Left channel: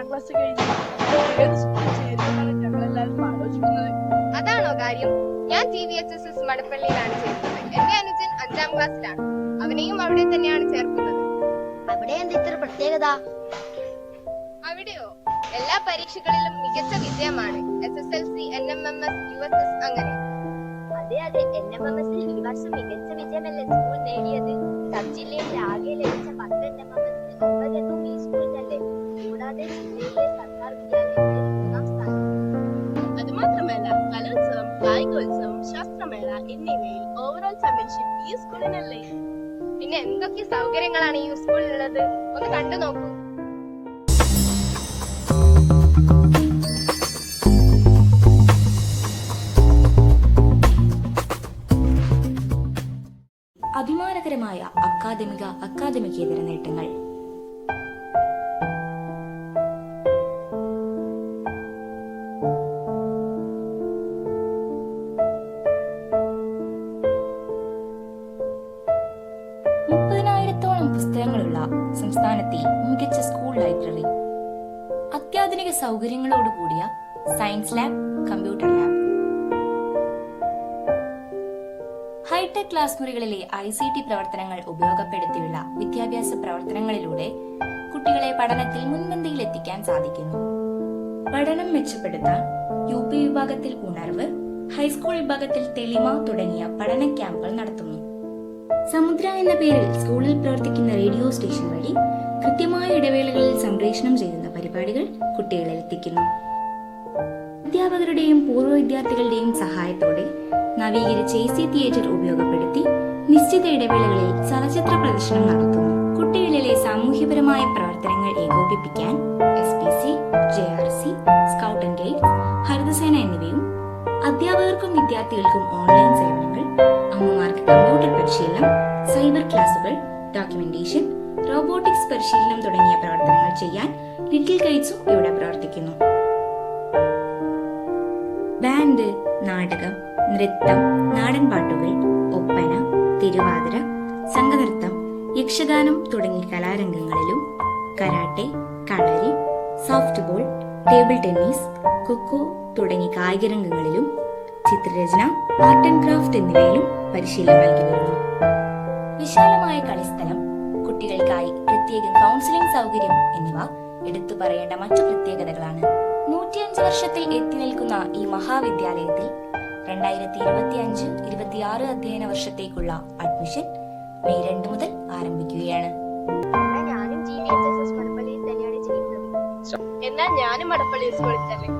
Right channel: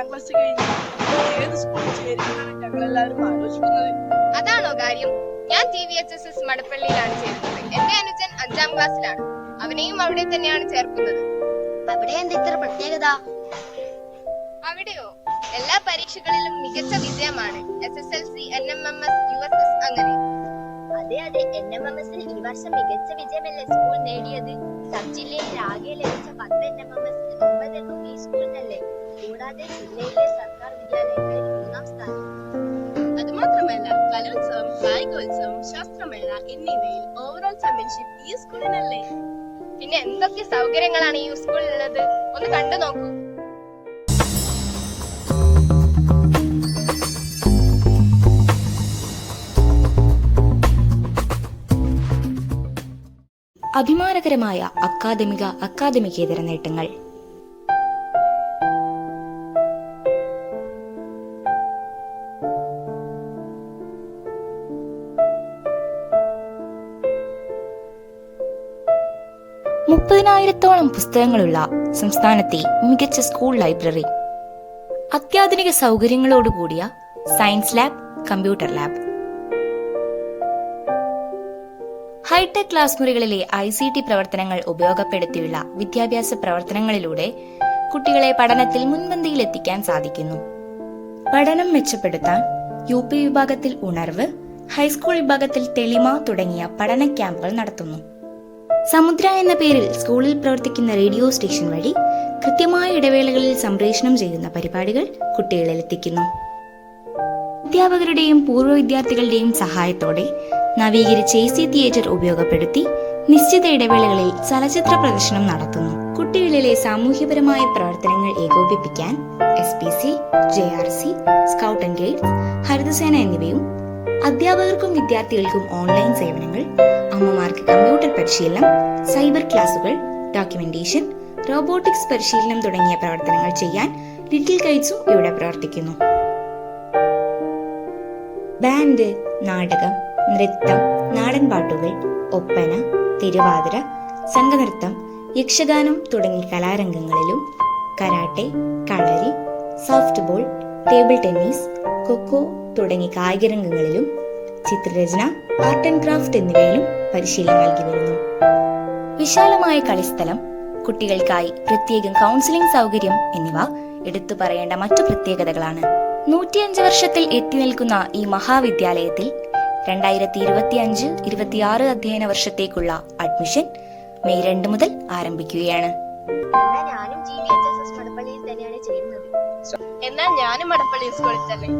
7ാം class കഴിഞ്ഞ് ഏത് സ്കൂളിൽ ചേരുമെന്നാണ് ഞങ്ങൾ എല്ലാവരും ആലോചിക്കുന്നത്. അതാണോ കാര്യം? ഞാൻ TVHSS മടപ്പള്ളിയിലാണ് ചേരുന്നത്. എന്റെ അനുജൻ 5ാം ക്ലാസ്സിലാണ്. അവനെയും അവിടെ തന്നെയാണ് ചേർക്കുന്നത്. അവിടെ എന്താ ഇത്ര പ്രത്യേകത? അവിടെയോ എല്ലാ പരീക്ഷകളിലും മികച്ച വിജയമാണ്. SSLC, NMMS, USS അങ്ങനെ. അതെ, NMMSൽ ഈ വർഷം മികച്ച വിജയമല്ലേ സ്കൂൾ നേടിയത്? സബ് ജില്ലയിൽ ആകെ ലഭിച്ച 10 NMMSൽ 9 ഈ സ്കൂളിനല്ലേ. കൂടാതെ ജില്ലയിലെ സർക്കാർ വിദ്യാലയങ്ങളിൽ 3ാം സ്ഥാനം. അതുമാത്രമല്ല കലോത്സവം, കായികോത്സവം, ശാസ്ത്രമേള എന്നിവയിൽ ഓവറോൾ ചാമ്പ്യൻഷിപ്പ് ഈ സ്കൂളിനല്ലേ. പിന്നെ എന്തൊക്കെ സൗകര്യങ്ങളാണ് ഈ സ്കൂളിലുള്ളത്? ഒന്ന് കണ്ടു നോക്കൂ. അഭിമാനകരമായ അക്കാദമികേതര നേട്ടങ്ങൾ. ത്തോളം പുസ്തകങ്ങളുള്ള സംസ്ഥാനത്തെ മികച്ച സ്കൂൾ ലൈബ്രറി, അത്യാധുനിക സൗകര്യങ്ങളോടുകൂടിയ science lab, computer lab, hitech class മുറികളിലെ ICT പ്രവർത്തനങ്ങൾ ഉപയോഗപ്പെടുത്തിയുള്ള വിദ്യാഭ്യാസ പ്രവർത്തനങ്ങളിലൂടെ കുട്ടികളെ പഠനത്തിൽ മുൻപന്തിയിൽ എത്തിക്കാൻ സാധിക്കുന്നു. പഠനം മെച്ചപ്പെടുത്താൻ UP വിഭാഗത്തിൽ ഉണർവ്, ഹൈസ്കൂൾ വിഭാഗത്തിൽ തെളിമ തുടങ്ങിയ പഠന ക്യാമ്പുകൾ നടത്തുന്നു. സമുദ്ര എന്ന പേരിൽ സ്കൂളിൽ പ്രവർത്തിക്കുന്ന റേഡിയോ സ്റ്റേഷൻ വഴി കൃത്യമായ ഇടവേളകളിൽ സംപ്രേഷണം ചെയ്യുന്ന പരിപാടികൾ കുട്ടികളിൽ എത്തിക്കുന്നു. അധ്യാപകരുടെയും പൂർവ്വ വിദ്യാർത്ഥികളുടെയും സഹായത്തോടെ നവീകരിച്ച AC തിയേറ്റർ ഉപയോഗപ്പെടുത്തി നിശ്ചിത ഇടവേളകളിൽ ചലച്ചിത്ര പ്രദർശനം നടത്തുന്നു. കുട്ടികളിലെ സാമൂഹ്യപരമായ പ്രവർത്തനങ്ങൾ ഏകോപിപ്പിക്കാൻ SPC, JRC, scout and guides, Haritha Sena എന്നിവയും, അധ്യാപകർക്കും വിദ്യാർത്ഥികൾക്കും ഓൺലൈൻ സേവനങ്ങൾ, അമ്മമാർക്ക് കമ്പ്യൂട്ടർ പരിശീലനം, സൈബർ ക്ലാസുകൾ, ഡോക്യുമെന്റേഷൻ, റോബോട്ടിക്സ് പരിശീലനം തുടങ്ങിയ പ്രവർത്തനങ്ങൾ ചെയ്യാൻ ലിറ്റിൽ കൈറ്റ്സും ഇവിടെ പ്രവർത്തിക്കുന്നു. ബാൻഡ്, നാടകം, നൃത്തം, നാടൻപാട്ടുകൾ, ഒപ്പന, തിരുവാതിര, സംഘനൃത്തം, യക്ഷഗാനം തുടങ്ങിയ കലാരംഗങ്ങളിലും karate, Kalari, soft ball, table tennis, kho kho തുടങ്ങിയ കായിക രംഗങ്ങളിലും ചിത്രരചന, ആർട്ട് ആൻഡ് ക്രാഫ്റ്റ് എന്നിവയിലും പരിശീലനം നൽകി വരുന്നു. വിശാലമായ കളിസ്ഥലം, കുട്ടികൾക്കായി പ്രത്യേകം കൗൺസിലിംഗ് സൗകര്യം എന്നിവ എടുത്തു പറയേണ്ട മറ്റു പ്രത്യേകതകളാണ്. 105 വർഷത്തിൽ എത്തി നിൽക്കുന്ന ഈ മഹാവിദ്യാലയത്തിൽ 2025-26 അധ്യയന വർഷത്തേക്കുള്ള അഡ്മിഷൻ മെയ് 2 മുതൽ ആരംഭിക്കുകയാണ്. ഞാനും TVHSS മടപ്പള്ളിയിൽ തന്നെയാണ് ചെയ്യുന്നത്. എന്നാൽ ഞാനും മടപ്പള്ളി സ്കൂളിൽ തന്നെ.